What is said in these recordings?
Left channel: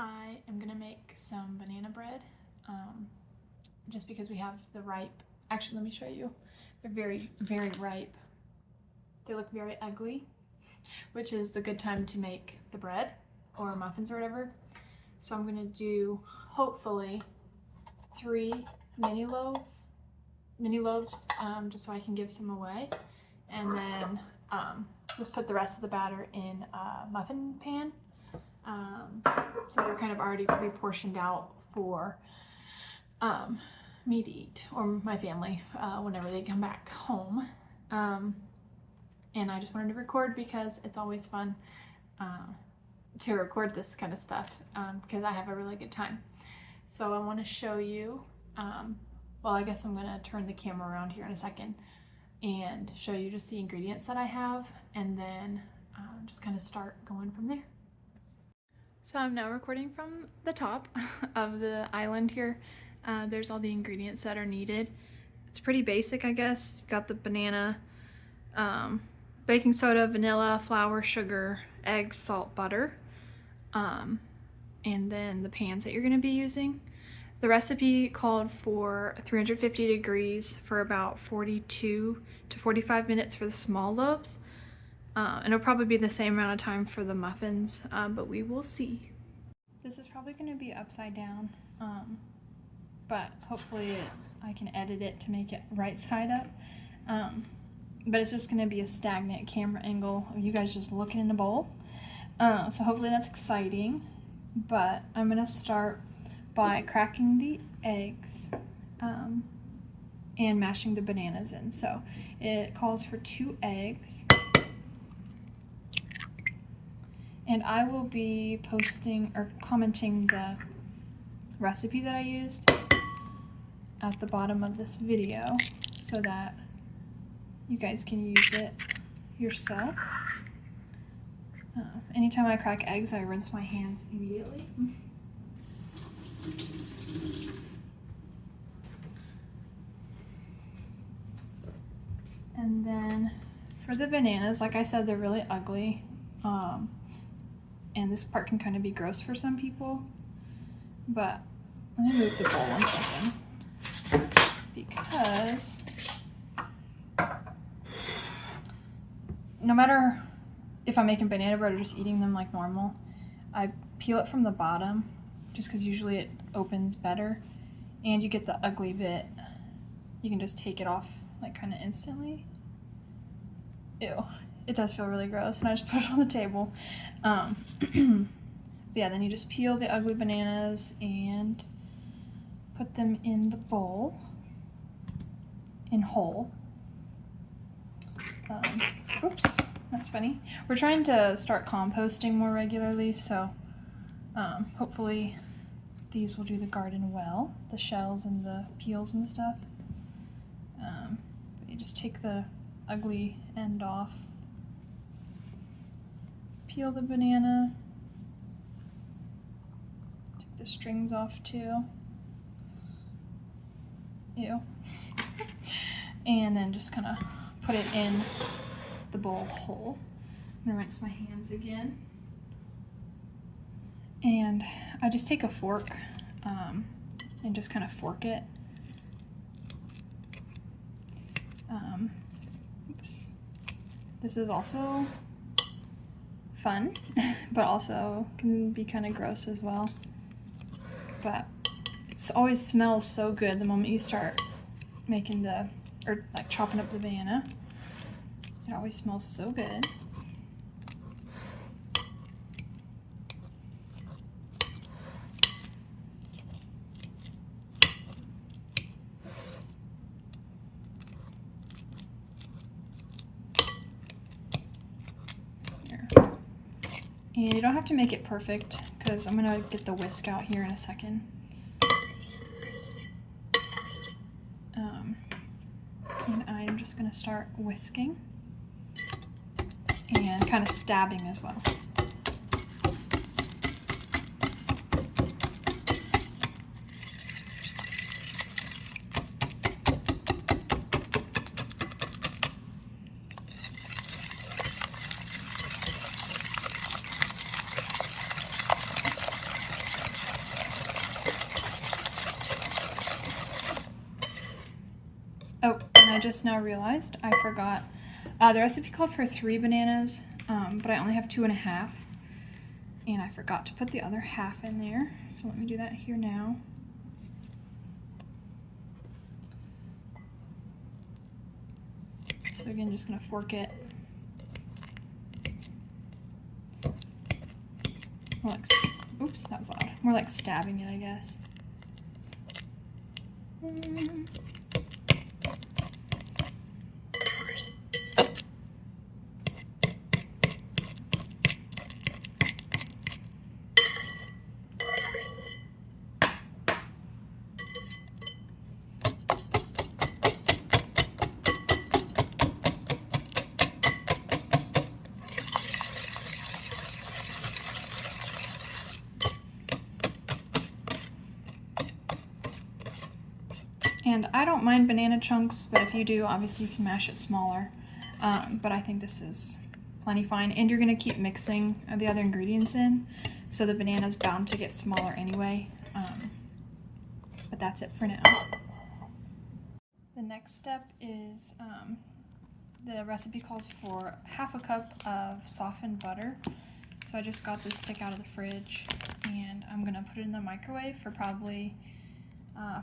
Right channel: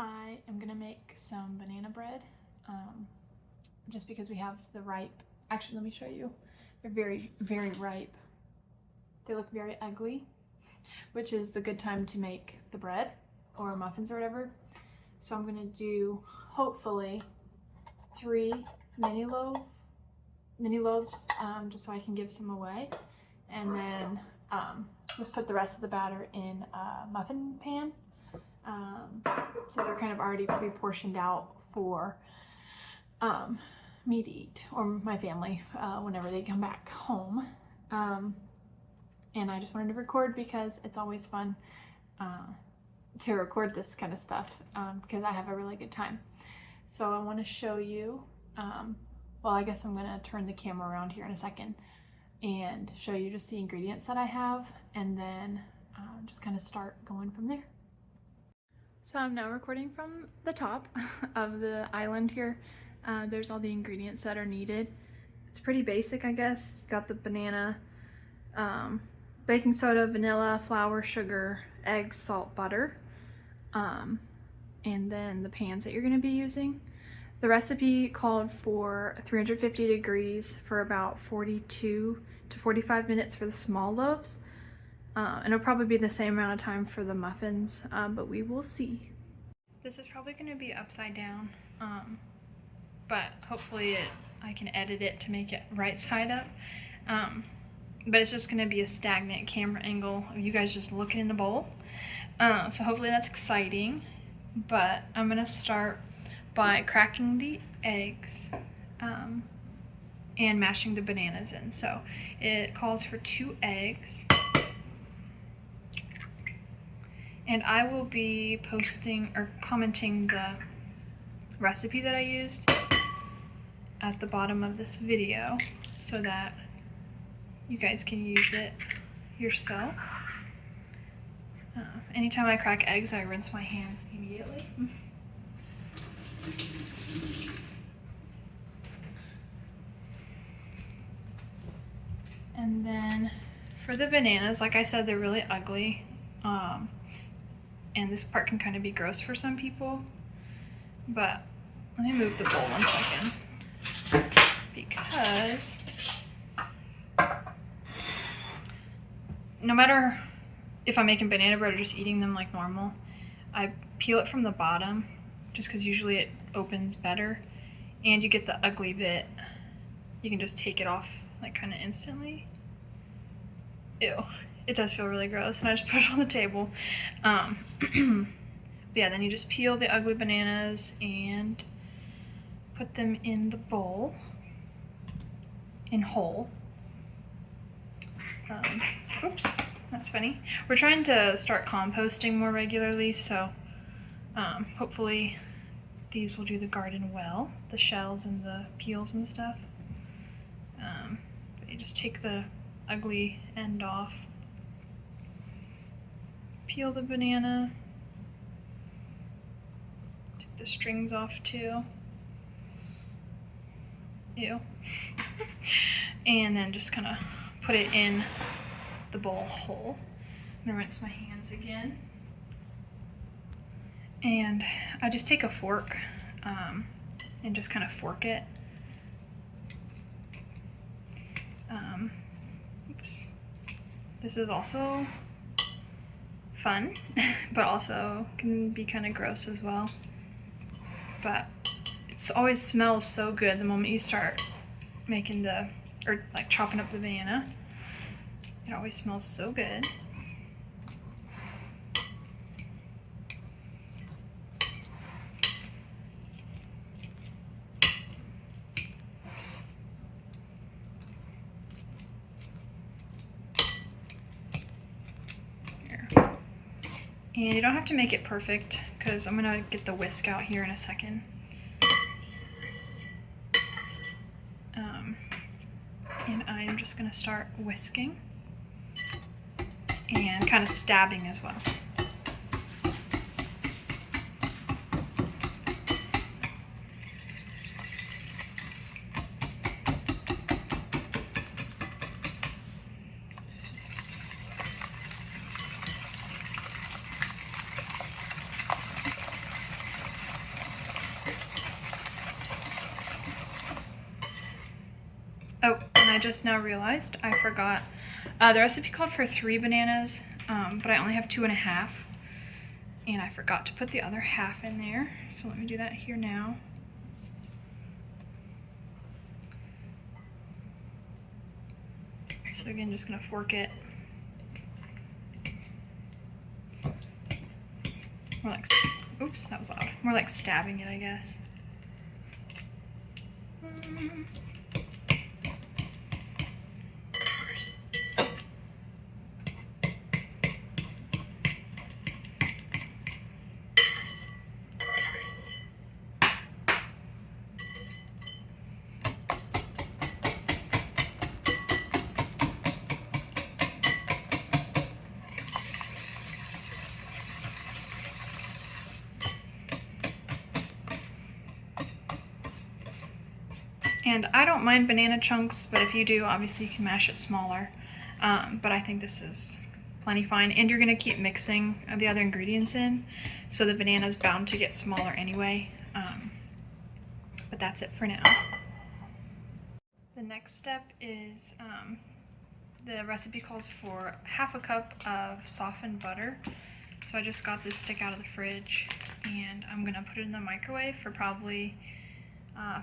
I am gonna make some banana bread, just because we have the ripe. Actually, let me show you. They're very, very ripe. They look very ugly, which is the good time to make the bread or muffins or whatever. So I'm gonna do, hopefully, 3 mini loaves, just so I can give some away. And then just put the rest of the batter in a muffin pan. So they're kind of already pre-portioned out for me to eat, or my family, whenever they come back home. And I just wanted to record because it's always fun to record this kind of stuff, because I have a really good time. So I want to show you, well, I guess I'm going to turn the camera around here in a second and show you just the ingredients that I have, and then just kind of start going from there. So I'm now recording from the top of the island here. There's all the ingredients that are needed. It's pretty basic, I guess. Got the banana, baking soda, vanilla, flour, sugar, eggs, salt, butter, and then the pans that you're going to be using. The recipe called for 350 degrees for about 42 to 45 minutes for the small loaves. And it'll probably be the same amount of time for the muffins, but we will see. This is probably going to be upside down, but hopefully I can edit it to make it right side up. But it's just going to be a stagnant camera angle of you guys just looking in the bowl. So hopefully that's exciting. But I'm going to start by cracking the eggs and mashing the bananas in. So it calls for 2 eggs. And I will be posting or commenting the recipe that I used at the bottom of this video so that you guys can use it yourself. Anytime I crack eggs, I rinse my hands immediately. And then for the bananas, like I said, they're really ugly. And this part can kind of be gross for some people. But let me move the bowl 1 second. Because no matter if I'm making banana bread or just eating them like normal, I peel it from the bottom just because usually it opens better. And you get the ugly bit. You can just take it off like kind of instantly. Ew. It does feel really gross, and I just put it on the table. But yeah, then you just peel the ugly bananas and put them in the bowl in whole. Oops, that's funny. We're trying to start composting more regularly, so hopefully these will do the garden well, the shells and the peels and stuff. But you just take the ugly end off. Peel the banana, take the strings off too. Ew. And then just kind of put it in the bowl whole. I'm gonna rinse my hands again. And I just take a fork and just kind of fork it. Oops. This is also fun, but also can be kind of gross as well. But it always smells so good the moment you start making or like chopping up the banana. It always smells so good. Oops. And you don't have to make it perfect because I'm gonna get the whisk out here in a second. And I'm just gonna start whisking and kind of stabbing as well. and I just now realized I forgot. The recipe called for 3 bananas, but I only have 2.5. And I forgot to put the other half in there. So let me do that here now. So again, just gonna fork it. More like, oops, that was loud. More like stabbing it, I guess. And I don't mind banana chunks, but if you do, obviously you can mash it smaller. But I think this is plenty fine. And you're gonna keep mixing the other ingredients in, so the banana's bound to get smaller anyway. But that's it for now. The next step is, the recipe calls for 1/2 cup of softened butter. So I just got this stick out of the fridge, and I'm gonna put it in the microwave for probably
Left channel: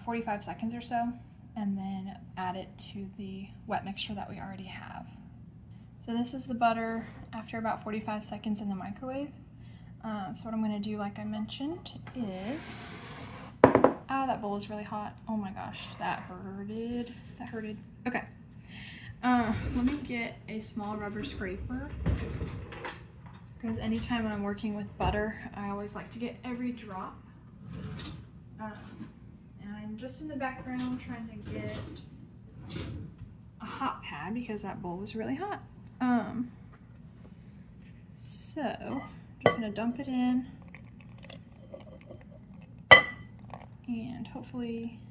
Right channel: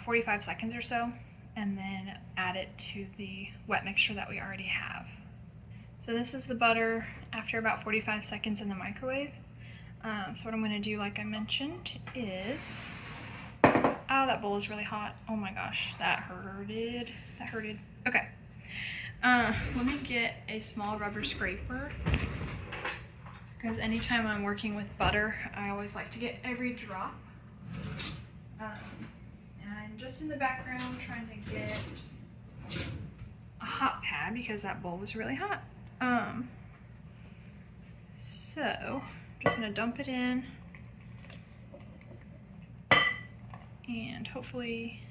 45 seconds or so, and then add it to the wet mixture that we already have. So this is the butter after about 45 seconds in the microwave. So what I'm going to do, like I mentioned, is... Oh, that bowl is really hot. Oh my gosh, that hurted. That hurted. Okay. Let me get a small rubber scraper, because anytime I'm working with butter, I always like to get every drop. And I'm just in the background trying to get a hot pad because that bowl was really hot. So I'm just gonna dump it in and hopefully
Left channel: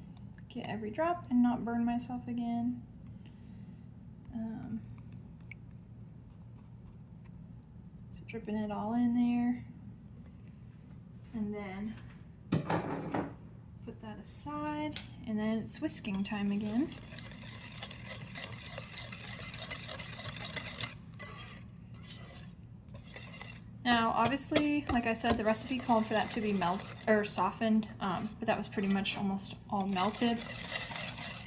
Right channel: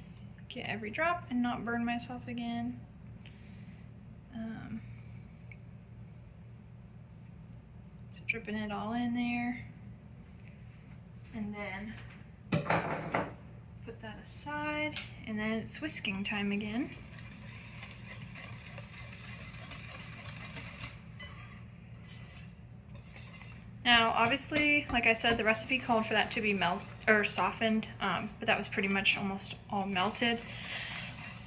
get every drop and not burn myself again. So dripping it all in there, and then put that aside, and then it's whisking time again. Now, obviously, like I said, the recipe called for that to be softened, but that was pretty much almost all melted.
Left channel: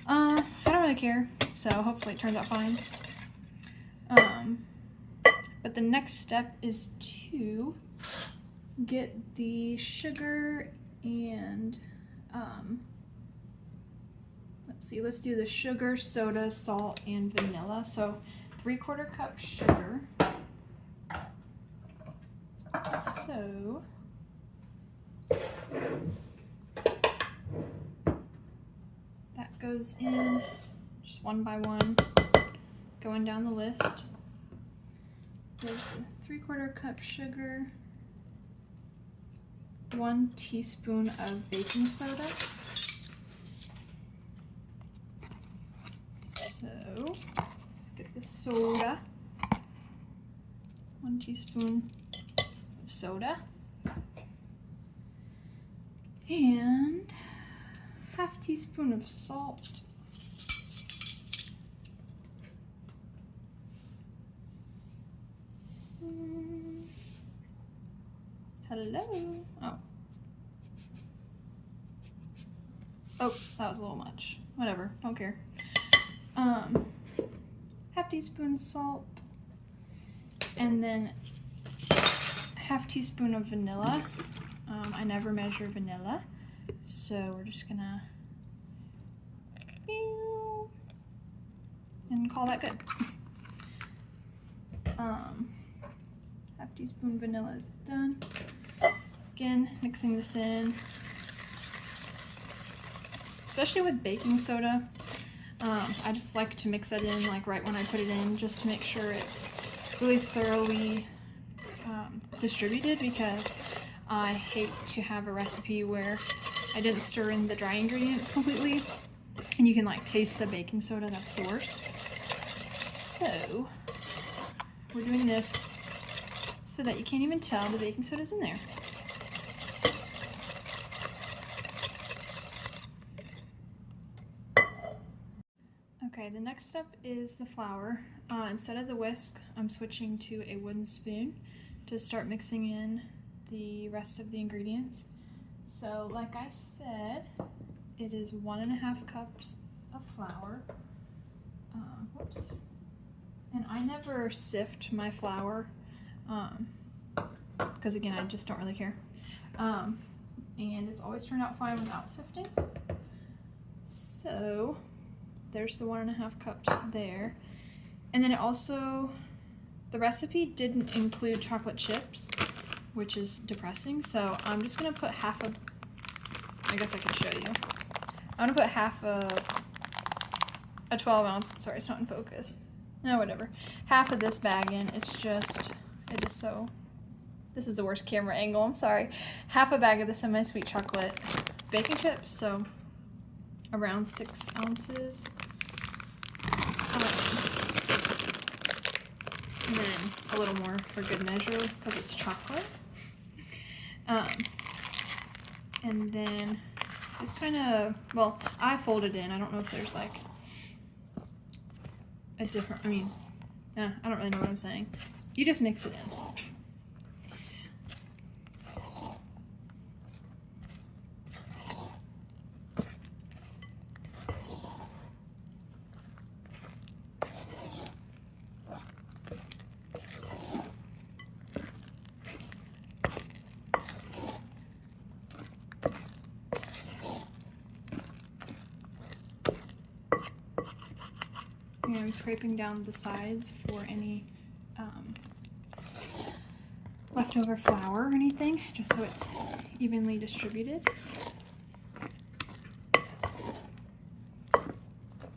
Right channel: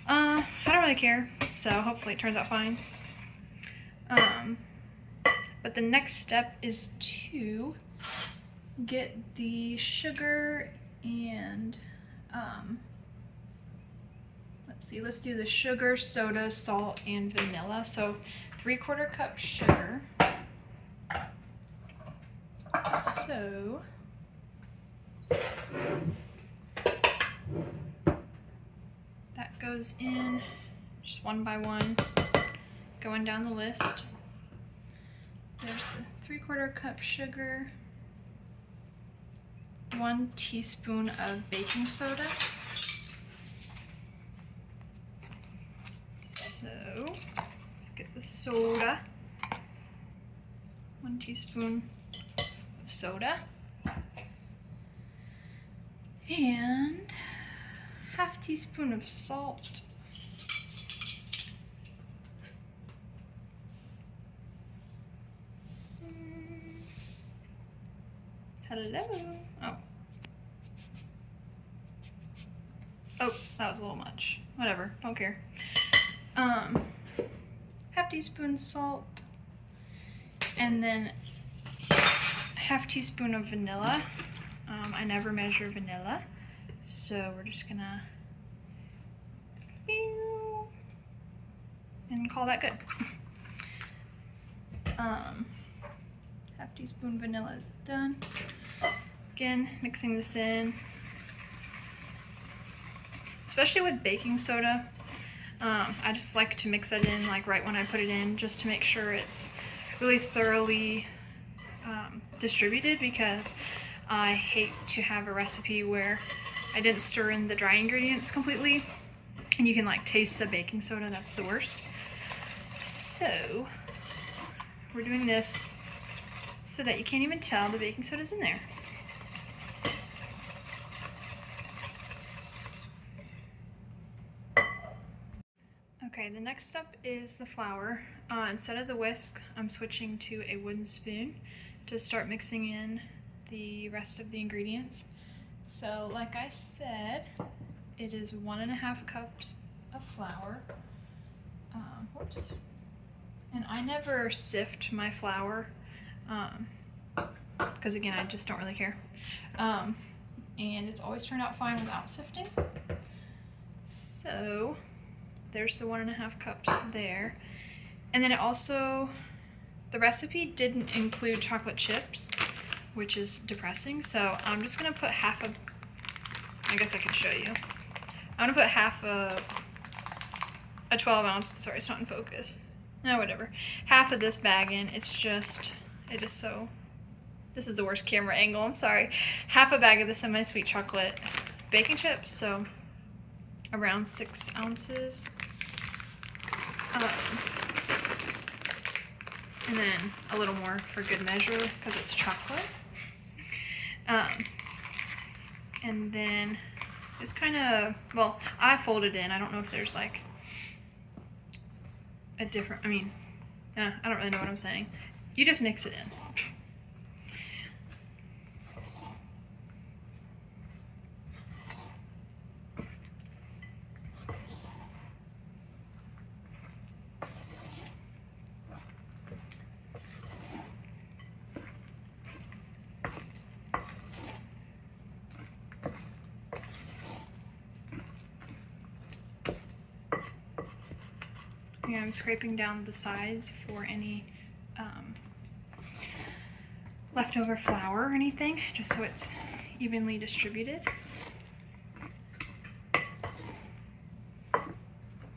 I don't really care, so hopefully it turns out fine. But the next step is to get the sugar and let's do the sugar, soda, salt, and vanilla. So 3/4 cup sugar. So that goes in just one by one, going down the list. There's the 3/4 cup sugar, 1 teaspoon of baking soda. So let's get the soda. 1 teaspoon of soda. And 1/2 teaspoon of salt. Hello. Oh, that was a little much. Whatever, don't care. 1/2 teaspoon salt, and then 1/2 teaspoon of vanilla. I never measure vanilla, so we're just gonna and call that good. 1/2 teaspoon vanilla is done. Again, mixing this in. Especially with baking soda, I just like to mix it in like right when I put it in, just to make sure it's really thoroughly distributed, because I hate to have a recipe where I didn't stir in the dry ingredients completely and you can like taste the baking soda. That's the worst. So we're doing this so that you can't even tell the baking soda's in there. Okay, Okay, the next step is the flour. Instead of the whisk, I'm switching to a wooden spoon to start mixing in the rest of the ingredients. So like I said, it is 1.5 cups of flour. Whoops. And I never sift my flour because again, I just don't really care. And it's always turned out fine without sifting. So there's the 1.5 cups there. And then it also, the recipe didn't include chocolate chips, which is depressing. So I'm just gonna put half a, I guess I can show you. I'm gonna put half a 12 ounce, sorry, it's not in focus. No, whatever. Half of this bag in, it's just, it is so, this is the worst camera angle, I'm sorry. Half a bag of the semi-sweet chocolate baking chips, so around 6 ounces. And then a little more for good measure because it's chocolate. And then just kind of, well, I fold it in. I don't know if there's like a different, I don't really know what I'm saying. You just mix it in. I'm scraping down the sides for any leftover flour or anything, just so it's evenly distributed.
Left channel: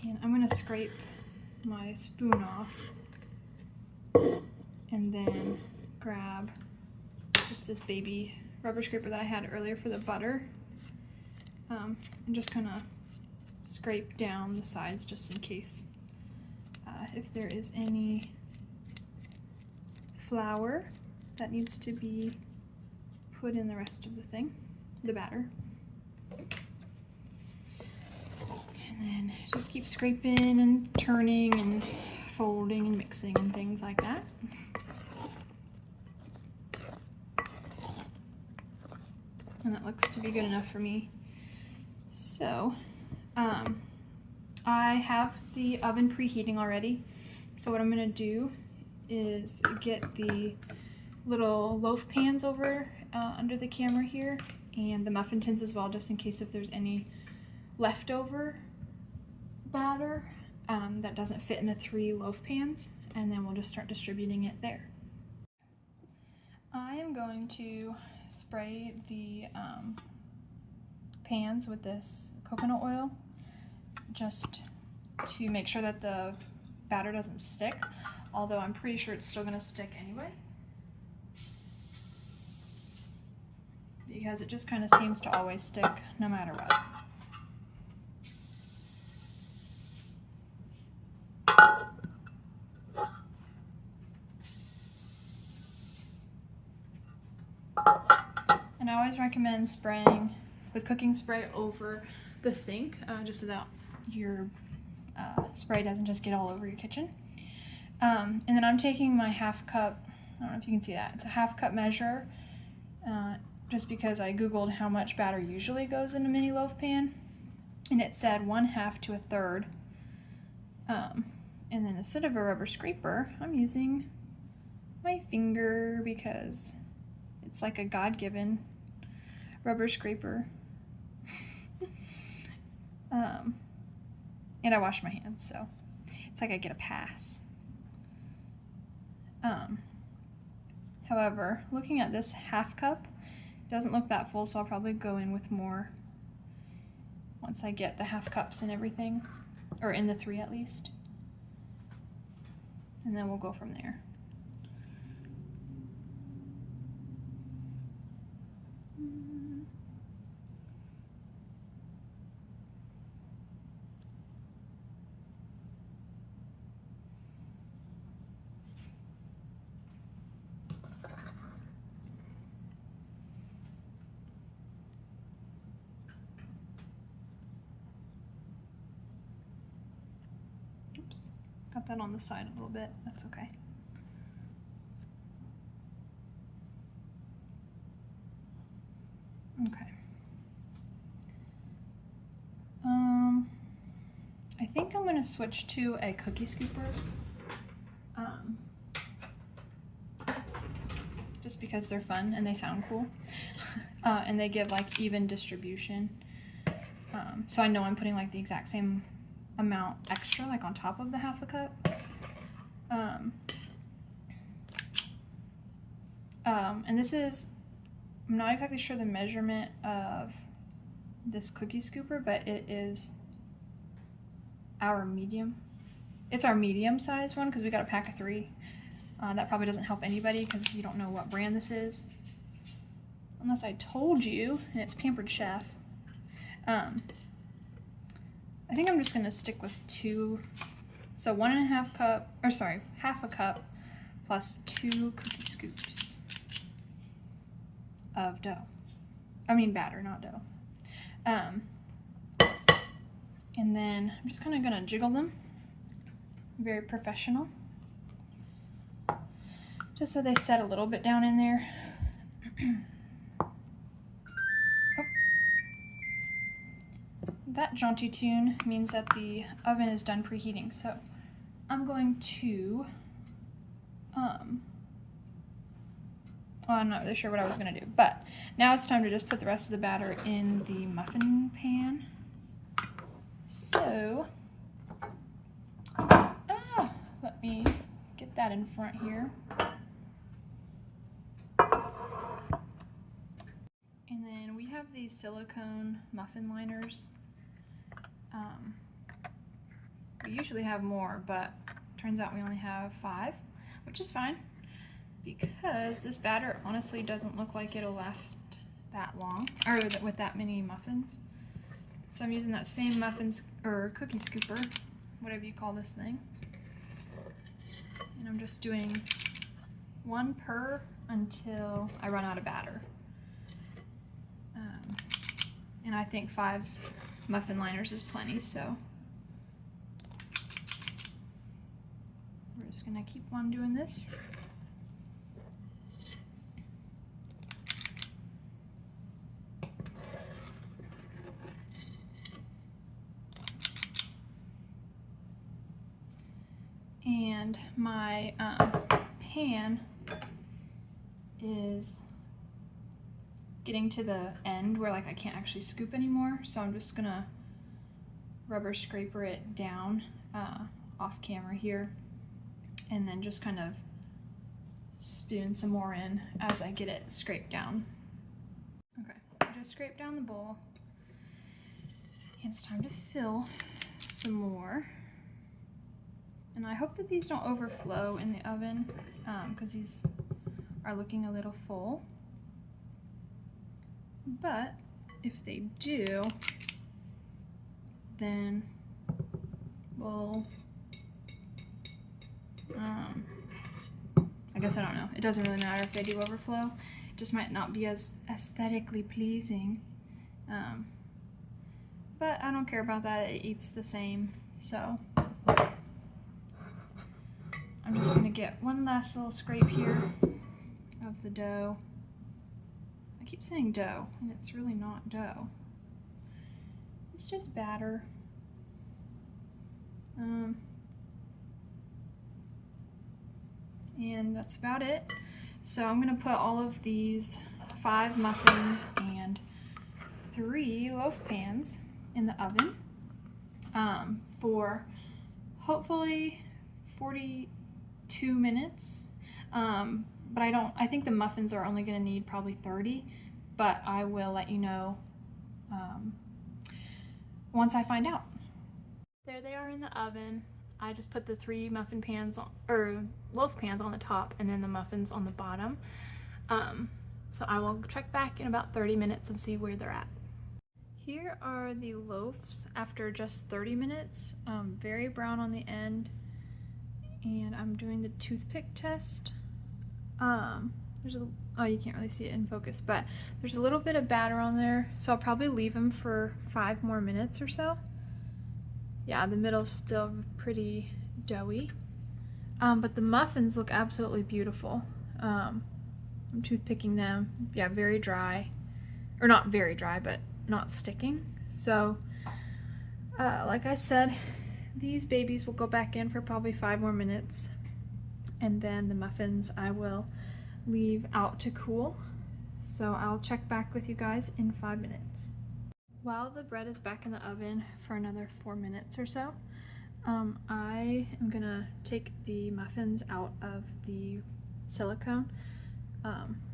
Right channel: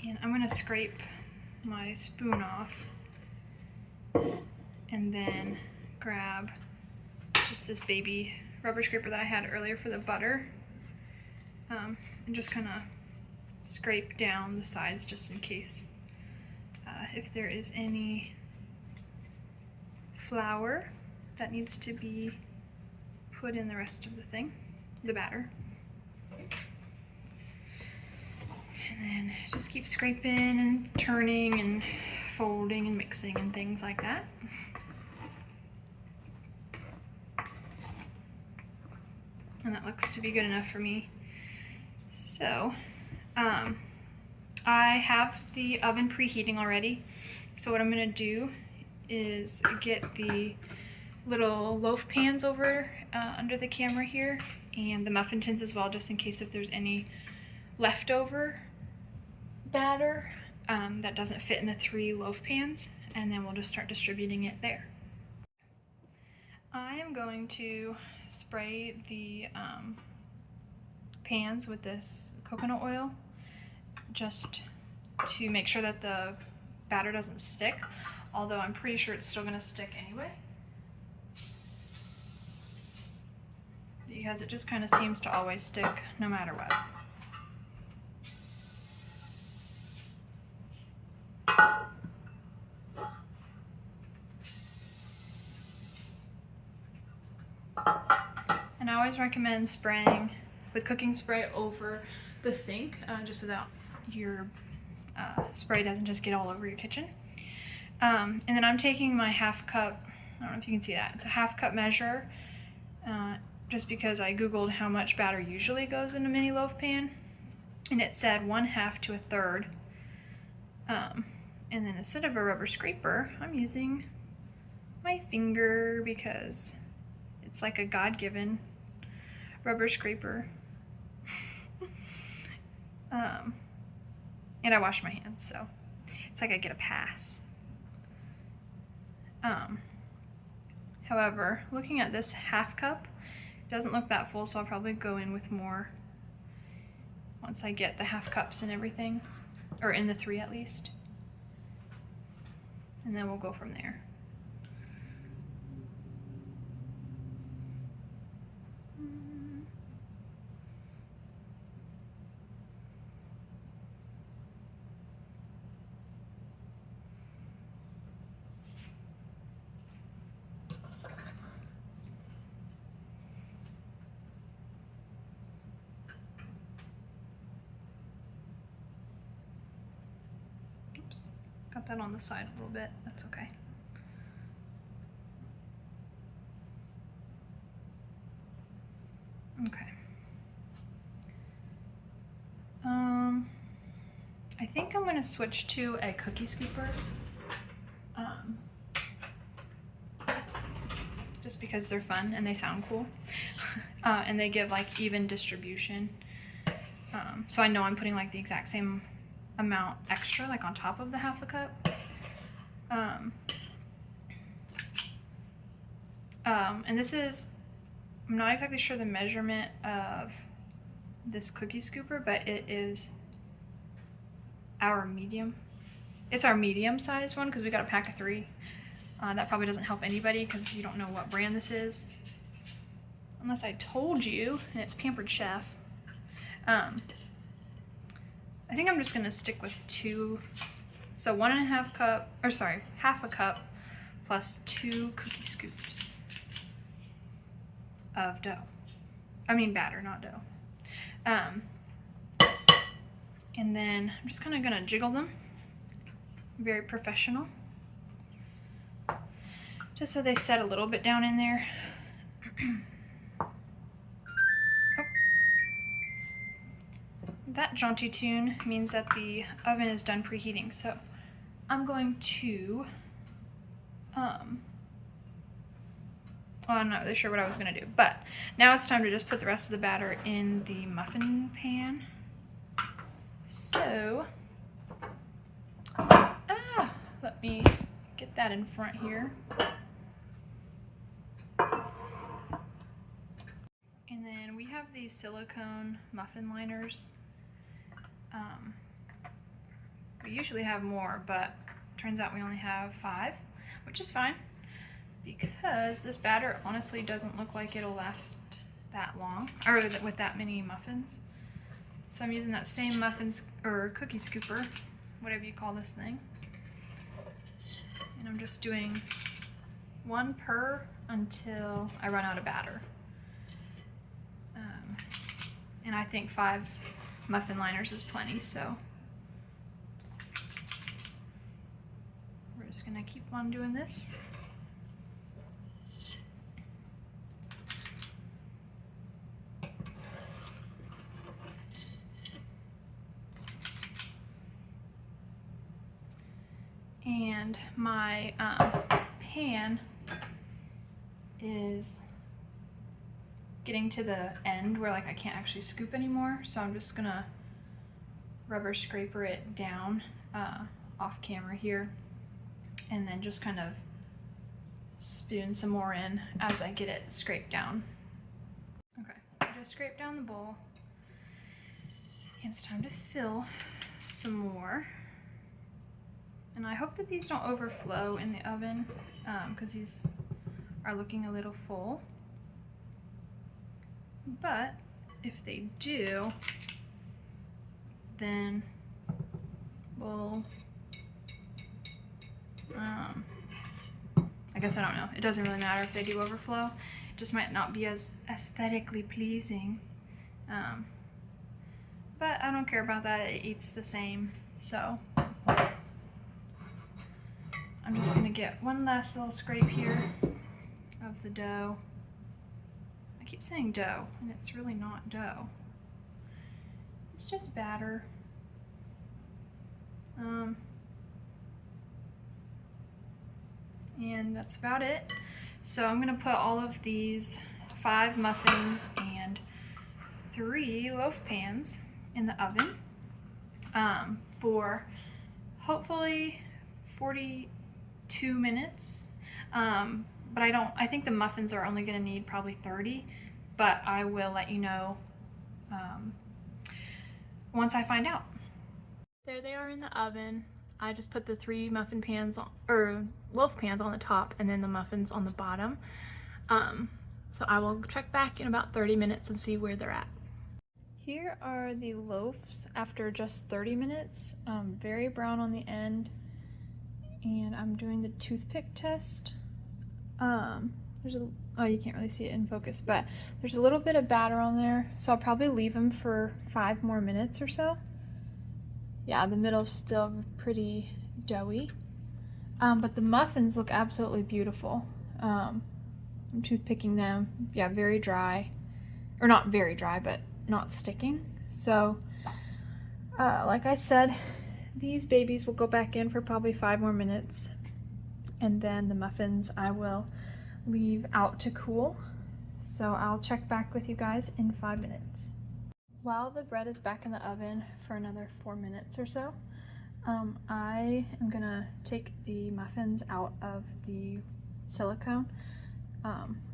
And I'm going to scrape my spoon off and then grab just this baby rubber scraper that I had earlier for the butter, and just kind of scrape down the sides just in case if there is any flour that needs to be put in the rest of the thing, the batter. And then just keep scraping and turning and folding and mixing and things like that. And that looks to be good enough for me. So, I have the oven preheating already. So what I'm gonna do is get the little loaf pans over under the camera here, and the muffin tins as well, just in case if there's any leftover batter that doesn't fit in the 3 loaf pans, and then we'll just start distributing it there. I am going to spray the pans with this coconut oil just to make sure that the batter doesn't stick, although I'm pretty sure it's still going to stick anyway, because it just kind of seems to always stick no matter what. And I always recommend spraying with cooking spray over the sink, just so that your spray doesn't just get all over your kitchen. And then I'm taking my half cup, I don't know if you can see that, it's a half cup measure, just because I googled how much batter usually goes in a mini loaf pan, and it said 1/2 to 1/3. And then instead of a rubber scraper, I'm using my finger because it's like a God-given rubber scraper. And I wash my hands, so it's like I get a pass. However, looking at this half cup, it doesn't look that full, so I'll probably go in with more once I get the half cups and everything, or in the 3 at least. And then we'll go from there. got that on the side a little bit. That's okay. Okay. I think I'm gonna switch to a cookie scooper. Just because they're fun and they sound cool. And they give like even distribution. So I know I'm putting like the exact same amount extra, like on top of the half a cup. And this is, I'm not exactly sure the measurement of this cookie scooper, but it is our medium. It's our medium sized one because we got a pack of 3. That probably doesn't help anybody because you don't know what brand this is. Unless I told you, and it's Pampered Chef. I think I'm just gonna stick with 2. So 1.5 cup, or sorry, half a cup plus 2 cookie scoops of dough. I mean batter, not dough. And then I'm just kind of gonna jiggle them. Very professional. Just so they set a little bit down in there. Oh. That jaunty tune means that the oven is done preheating. So I'm going to, I'm not really sure what I was gonna do, but now it's time to just put the rest of the batter in the muffin pan. So, let me get that in front here. And then we have these silicone muffin liners. We usually have more, but turns out we only have 5, which is fine because this batter honestly doesn't look like it'll last that long, or with that many muffins. So I'm using that same muffins or cookie scooper, whatever you call this thing. And I'm just doing 1 per until I run out of batter. And I think 5 muffin liners is plenty, so we're just gonna keep on doing this. And my pan is getting to the end where like I can't actually scoop anymore, so I'm just gonna rubber scraper it down off camera here, and then just kind of spoon some more in as I get it scraped down. Okay, I just scraped down the bowl, and it's time to fill some more. And I hope that these don't overflow in the oven because these are looking a little full. But if they do, then we'll, I guess I don't know. It doesn't really matter if they do overflow. It just might not be as aesthetically pleasing. But I don't care about that. It eats the same. So I'm just gonna get one last little scrape here of the dough. I keep saying dough, and it's really not dough. It's just batter. And that's about it. So I'm gonna put all of these 5 muffins and 3 loaf pans in the oven for hopefully 42 minutes. But I think the muffins are only gonna need probably 30, but I will let you know once I find out. There they are in the oven. I just put the 3 muffin pans on, or loaf pans on the top, and then the muffins on the bottom. So I will check back in about 30 minutes and see where they're at. Here are the loaves after just 30 minutes. Very brown on the end, and I'm doing the toothpick test. Oh, you can't really see it in focus, but there's a little bit of batter on there, so I'll probably leave them for 5 more minutes or so. Yeah, the middle's still pretty doughy. But the muffins look absolutely beautiful. I'm toothpicking them. Yeah, very dry. Or not very dry, but not sticking. So, like I said, these babies will go back in for probably 5 more minutes. And then the muffins I will leave out to cool. So I'll check back with you guys in 5 minutes. While the bread is back in the oven for another 4 minutes or so, I am gonna take the muffins out of the silicone,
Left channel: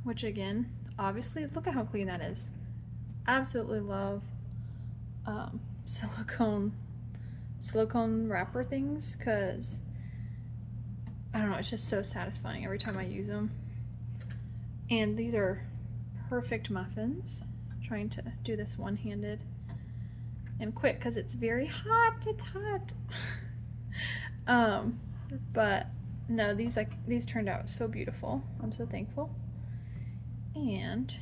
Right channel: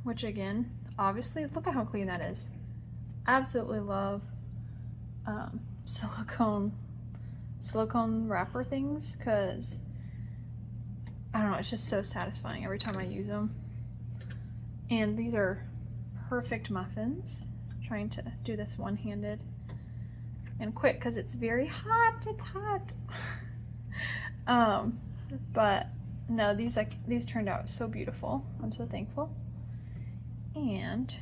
which again, obviously, look at how clean that is. Absolutely love silicone wrapper things, because I don't know, it's just so satisfying every time I use them. And these are perfect muffins. I'm trying to do this one-handed and quick because it's very hot. It's hot. But no, these turned out so beautiful. I'm so thankful. And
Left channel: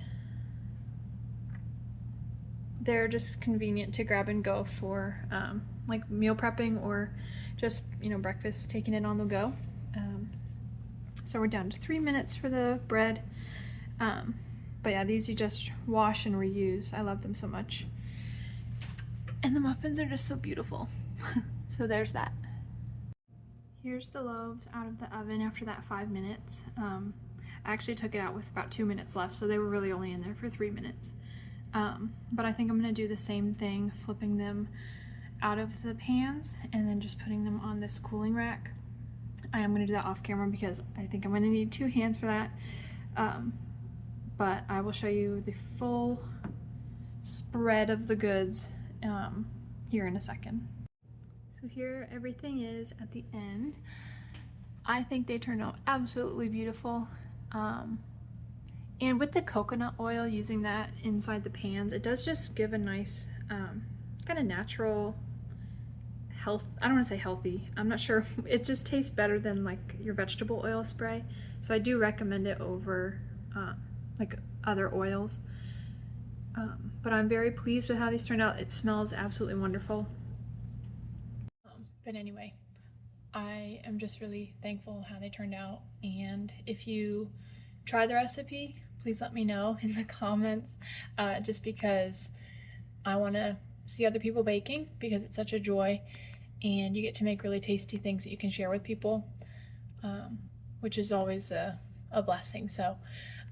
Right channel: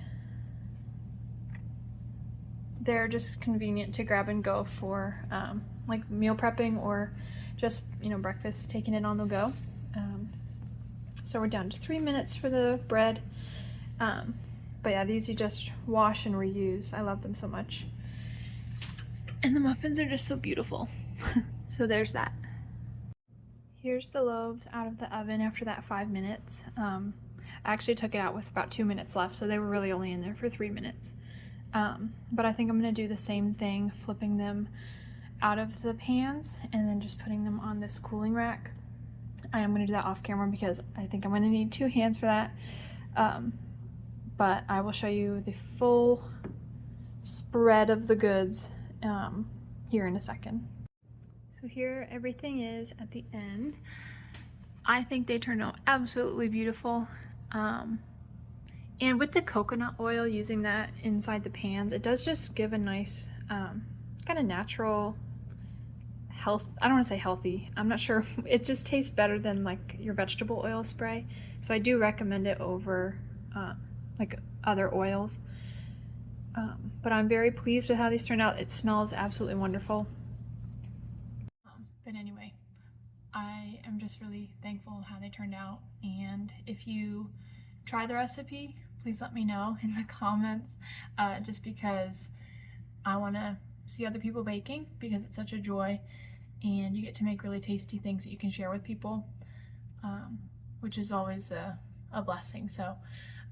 they're just convenient to grab and go for like meal prepping or just, you know, breakfast, taking it on the go. So we're down to 3 minutes for the bread. But yeah, these you just wash and reuse. I love them so much. And the muffins are just so beautiful. So there's that. Here's the loaves out of the oven after that 5 minutes. I actually took it out with about 2 minutes left, so they were really only in there for 3 minutes. But I think I'm gonna do the same thing, flipping them out of the pans and then just putting them on this cooling rack. I am gonna do that off camera because I think I'm gonna need 2 hands for that. But I will show you the full spread of the goods here in a second. So here everything is at the end. I think they turned out absolutely beautiful. And with the coconut oil, using that inside the pans, it does just give a nice kind of natural health. I don't want to say healthy. I'm not sure. It just tastes better than like your vegetable oil spray. So I do recommend it over like other oils. But I'm very pleased with how these turned out. It smells absolutely wonderful. But anyway, I am just really thankful how they turned out. And if you try the recipe, please let me know in the comments, just because I want to see other people baking, because it's such a joy and you get to make really tasty things that you can share with people, which is always a blessing. So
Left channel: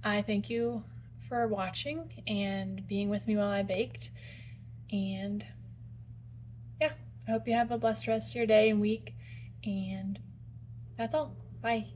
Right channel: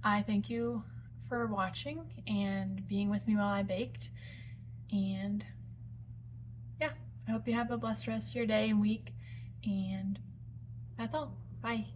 I thank you for watching and being with me while I baked. And yeah, I hope you have a blessed rest of your day and week. And that's all. Bye.